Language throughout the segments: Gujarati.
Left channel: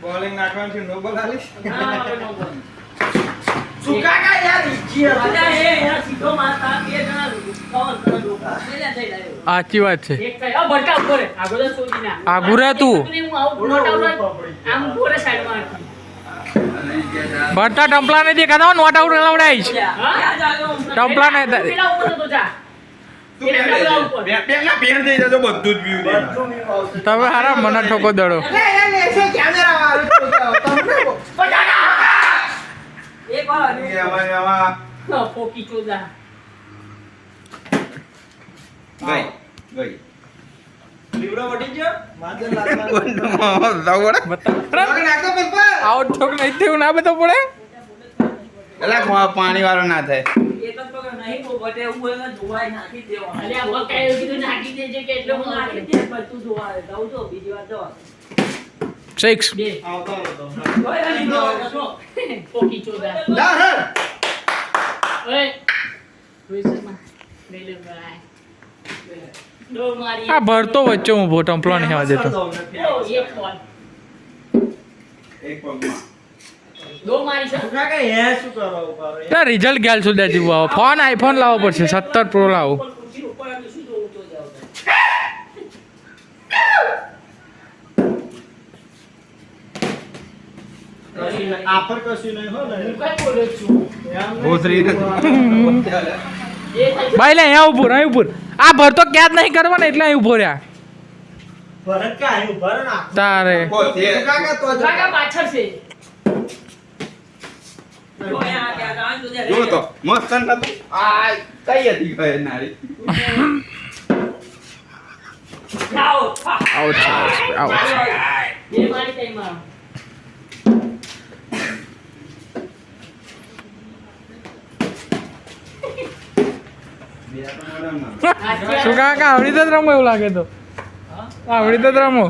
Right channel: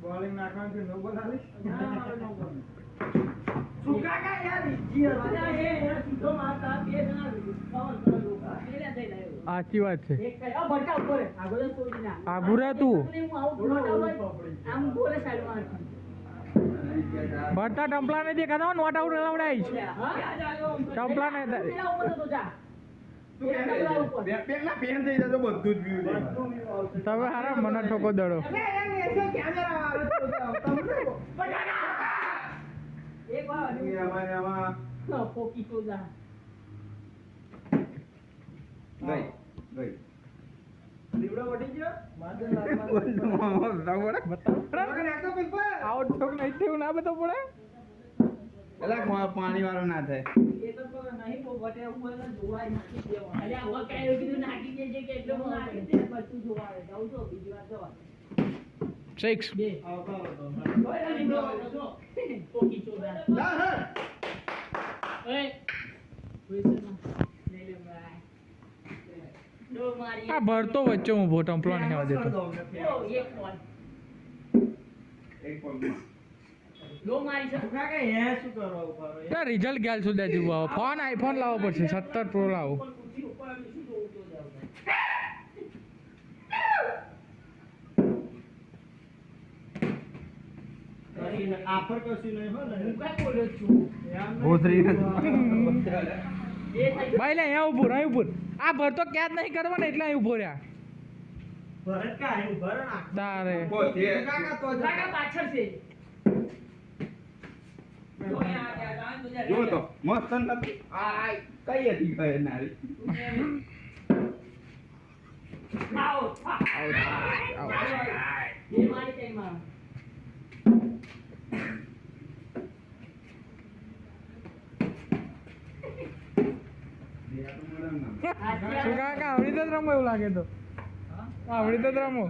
બોલિંગ નાખવાનું છે નો બોલ આલીશ ના હવે નો બોલ સુકા કા યાર ઈજી અરે એ યાર સીધો મારતા બે જણા કવર કરો લોકો મેલા થઈ લાયો સાચી વાત છે એક કઈ આ બટકા ઉપર આગળ સોજી ના આગુ રહે તું હું આઉટ નોટ આઉટ આમ પોરે સાઈડ માં ભરતા ટંપલા ને દેખાતા નોટ આઉટ લવડાઈશ ટંપલા ને પેલા ઉપર તો જા તું બેટ ના પેર દઈ જજો બધું જ વ્યૂ દે તમે હારા મને ઠોકો દડો લે લેશે કેમેરા વાળો તમને એક વાર એમાં પોકી ચોદા ગઈ લીવડો વટી ગયો માથે લાગવા બતા નાખો પેપર આઉટ ઠોક નહીં થયું ના બતો પડે એલા પાણી વાળો ના થાય એક જ પકડ નહીં કો બટે ઉપર જોવાય નાખી દેવા અરે આ બકાય કીધું નાખી દેજે કે એટલે હું નાખી દે બધું જોવાય દઉં તો બીજી વાર દવા 6 બે આવતો હતો ઓય અલી નો પોકી ચોદા લા હે ઓય વેસમાં મેલે ભાઈ દો મારી આ ભરતો વચ્ચે ઊભો ટંપલો નહીં આવવા દેતો ઓ એક બોલ એક પગમાં દો મારી છે કાકા હે શું કરો ઉપર ના રિઝલ્ટ ગેલ સુધી જીવો આવો ફોન આઈફોન લાવવો પડશે 17 પ્રો લાવો કુર્સી ઉપર આને શું જોવું તો જાવ આફર કશું નહીં હો ને હું કઈ બોલું છું ભોસરી ભાઈ લે અહીંયા ઉભો અહીં ઉભો આ ભરતો ક્યાં જ નહીં કરવાનો એટલે અહીં ઉભો રહ્યા ભરત કા આયું ભર ના તારે કાકા તો કાકા પાછળ છે જો તો મસ્ત નતું આ કઈ હતી ગયે નારી આવો આઉટ આઉટ એ મારી ટાઈમ શું કાકા આવડી તો જ રમો એવું લાગે તો આવડી તો જ રમો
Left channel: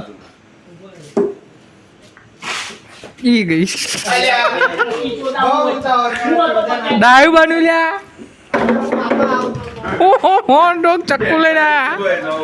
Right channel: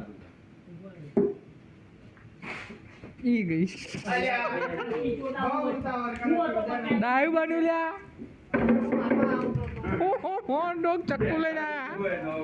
ઈ ગઈ ડાયું બન્યું લ્યા હો ડોગ ચક્કુ લઈને આયા